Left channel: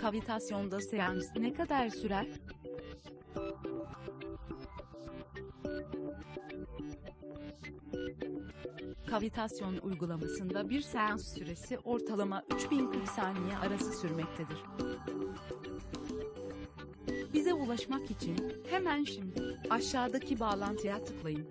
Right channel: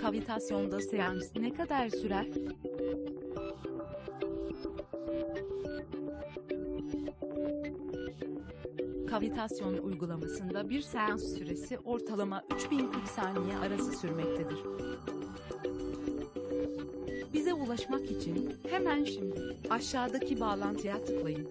Kavitasyonda seans ne kadar sürer? Kavitasyon uygulamasında bir seans süresi ortalama 3040 saniye arası sürmektedir. Bize ulaşmak için hemen şimdi aşağıdaki bağlantıya tıklayın.